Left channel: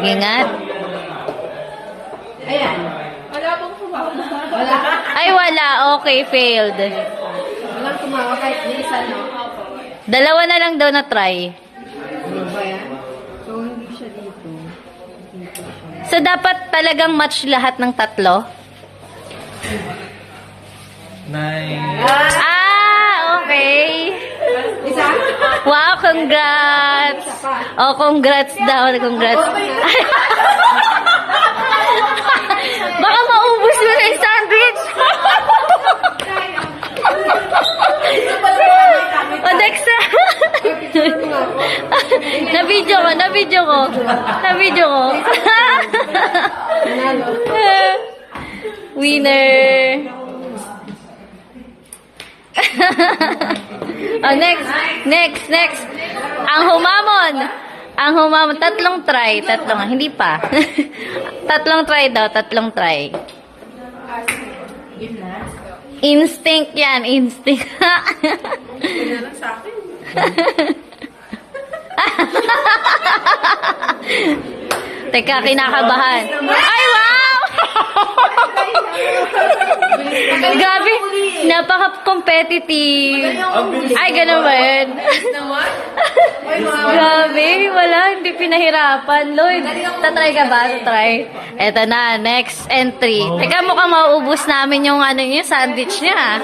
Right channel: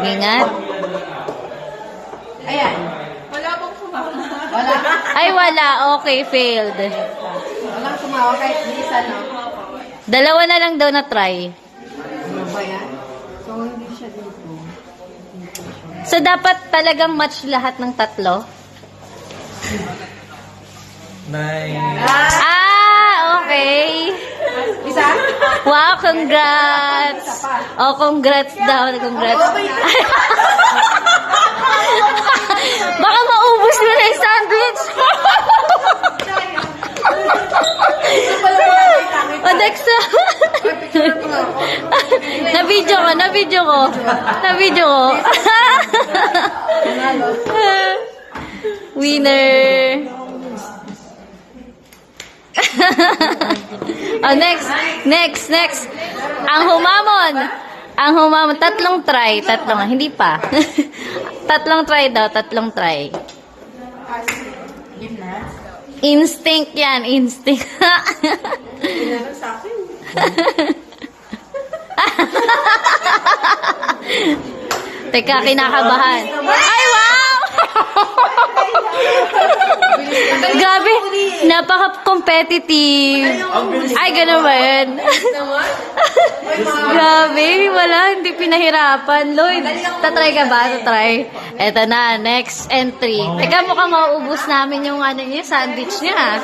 Ingat. Ayan. Wala pong tumawa. Wala. Ay, wala. Okay, failed. Walang tumawa kahit minsan, no? Dalawa na lang daw na try. Ano ba yan? So, hindi siya dito. So, dapat talagang match lahat ng tatlo? Nice. Okay. Isa? Wow, congrats. Oh, congrats daw. Congrats. Baka maubos mo na yung sandwich. O, Dexa. Na-video ko. Winner. Oh, next. Ang humamon. Tatlong try. Hindi pa. Tatlong try. Instinct yan. Teka, kinakabahan. Ay, wow! Gabi, napaka-competitive. Ay, gano'n ba yun? Grabe, hindi pinahirapan. Lloyd, tatry ka ba? Tatry. Eto na, next entry. Teka, mukhang mauubos namin yung sandwich niya.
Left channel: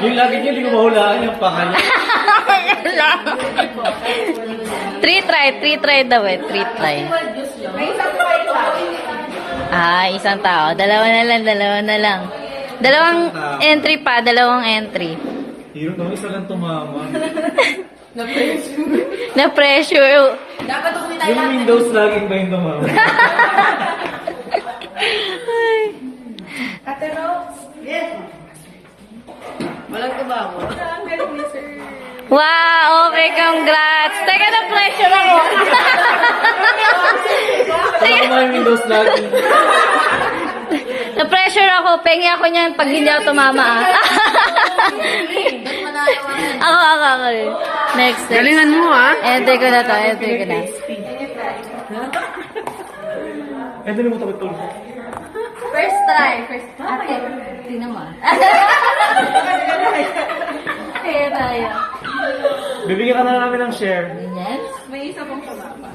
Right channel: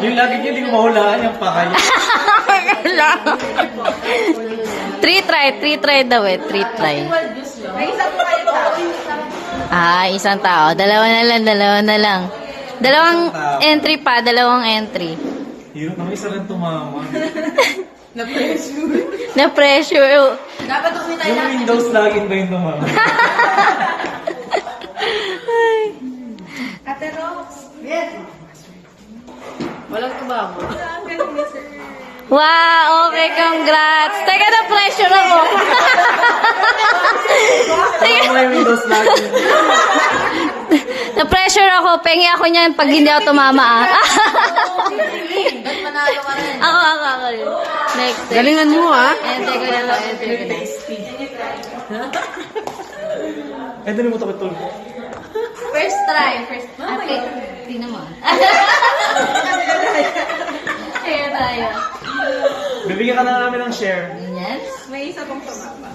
Yung lagi niya, di ko mahulaan yung pakay. Three try daw eh. 3 try. Isang tao. Dalawa na lang. Dalawang entry. Hirap naman, isa lang tumaman. Na-pressure. Dapat uwi tayo Yung Windows laging ba yung tumaman? Ate Rose. Yes. Walang tumawa. Ang galing niya, sir. Wow, okay, congrats. Teka, na-pressure ako. Wala mo yung Windows laging. Na-pressure ako. Pengi ako niyan pag hindi ako tumama. Ako. Next. Galingan mo, ha? Entry ko na to. Eh, dali mo takot tol. First try. Okay. Tingnan mo. Sige tayo. Bibigyan ka na namin ng share. Ganyan. May isa pong tumama.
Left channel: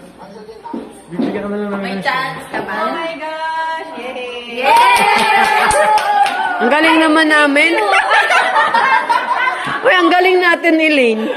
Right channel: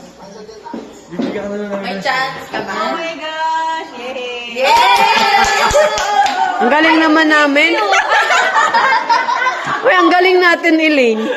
Bibigyan ka na namin ng share. ka ba? Oh my gosh! Yay! Ang galing naman namin. Uy, ang galing natin, Elaine.